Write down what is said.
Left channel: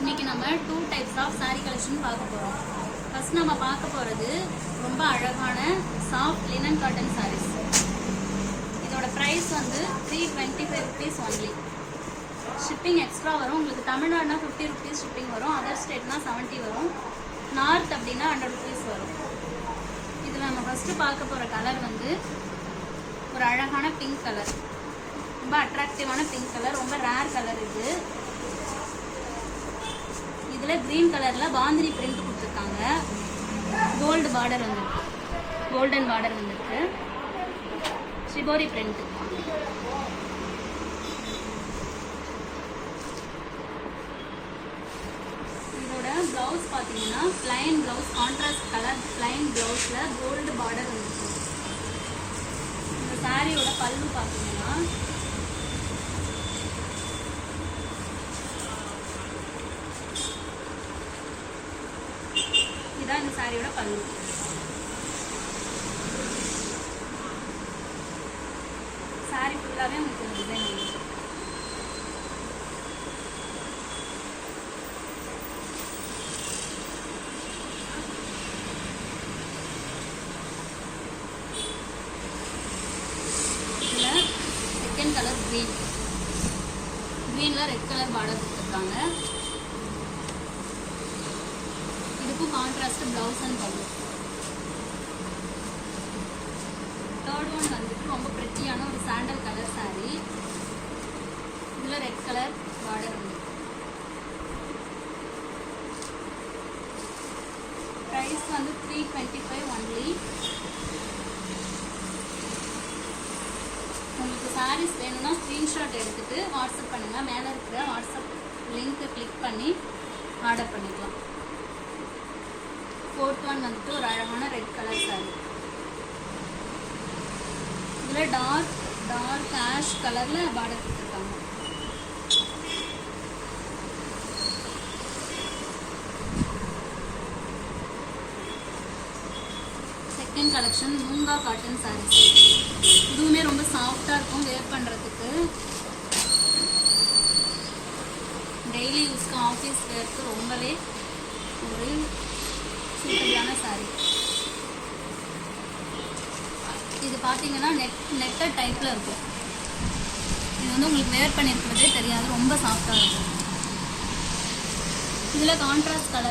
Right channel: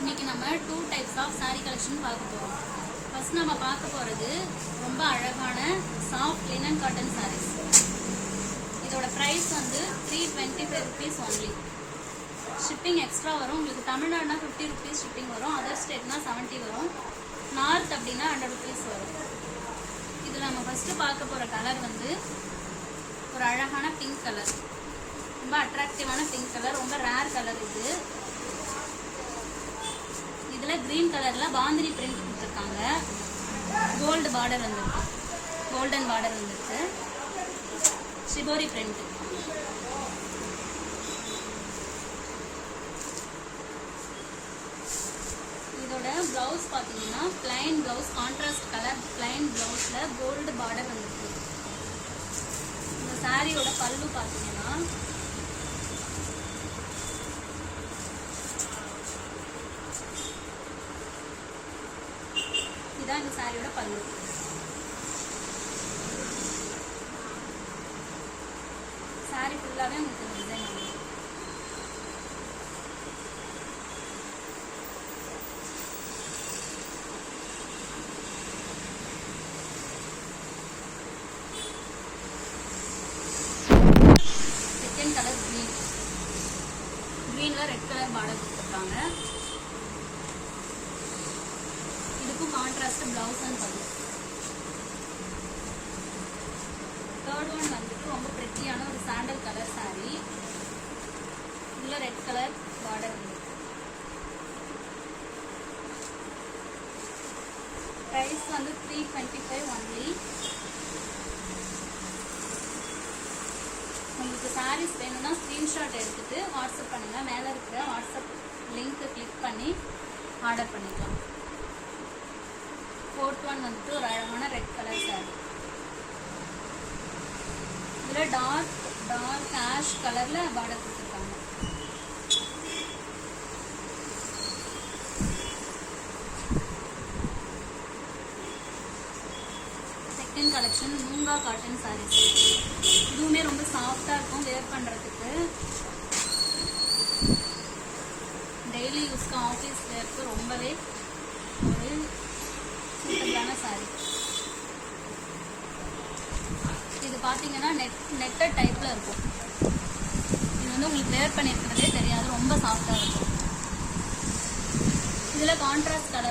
இன்னைக்கு நம்ம 2 types of saree collection பார்க்க போறோம். ஃபர்ஸ்ட் நம்ம பார்க்க போறது ரொம்ப அழகான சாஃப்ட் லினன் காட்டன் sarees. இதோட பிரைஸ் வந்து 325 rupees only. ஷிப்பிங் எக்ஸ்ட்ரா வரும். உங்களுக்கு தமிழ்நாடுனா 50 rupees ஷிப்பிங் வரும். அதர் ஸ்டேட்னா 70 வரும். நார்த் அப்படின்னா 100 rupees வரும். இதுல நம்ம ஃபர்ஸ்ட் பார்க்க போற கலர் வந்து ஒரு அழகான பிங்க் கலர். ரொம்ப அட்ராக்டிவான பிங்க் கலர், ரொம்ப ரேர் கலர் இது. இதுல கிரீன் கலர்ல பாந்தினி பிரிண்ட் கொடுத்துருக்காங்க. கோல்டு பார்டர் வந்துருக்கு, கோல்டன் பார்டர் வந்துருக்கு, ஷிபோரி பிரிண்ட். இதோட பிளவுஸ் பாத்தீங்கன்னா plain blouse, contrast colour plain பிளவுஸ்ல கோல்டு பார்டர் வந்துருக்கு. இந்த சாரியோட பல்லு பாத்தீங்கன்னா இதான் இந்த சாரியோட பல்லு. சாரி ஃபுல்லாவே உங்களுக்கு டிசைன் வந்து செகண்ட் கலர் கிரீன், கிரீன்ல ரெட் கலர் பார்டர் கொடுத்துருக்காங்க. இதுக்கும் contrast blouse and pallu. Third one வந்துட்டு ரொம்ப பிரிட்டியான ஒரு சாண்டல் கலர் சாரி. இதுல ரெட் கலர் பார்டர் வந்து பிரைஸ் வந்து 325 ஒன்லி. உங்களுக்கு சாரீஸ் வேணும்னா ஸ்கிரீன்ஷாட் எடுத்துட்டு வாட்ஸ்அப் பண்ணுங்க. மேல இருக்கிற வாட்ஸ்அப் லிங்க் கிளிக் பண்ணி ஆர்டர் பண்ணிக்கலாம். ஃபோர்த் ஒன் வந்துட்டு ஒரு அழகான ரெட் கலர் சாரி. இதுல டார்க் ஆஷ் கலர்ல பார்டர் கொடுத்துருக்காங்க. Second collection Moonga cotton saris. இதுவுமே ரொம்ப சாஃப்டா இருக்கும் வேர் பண்றதுக்கு. டெய்லி யூஸ்க்கு ஆஃபீஸ் வேர்க்கு ரொம்பவே ஒரு சூப்பரான சாரி. இது பாத்தீங்கன்னா நெட்டட் டைப்ல இருக்கும். இது வந்து உங்களுக்கு வேர் பண்ணிருக்கிறதே தெரியாது, ரொம்ப சாஃப்டா இருக்கும். இதுல கான்ட்ராஸ்ட் கலர்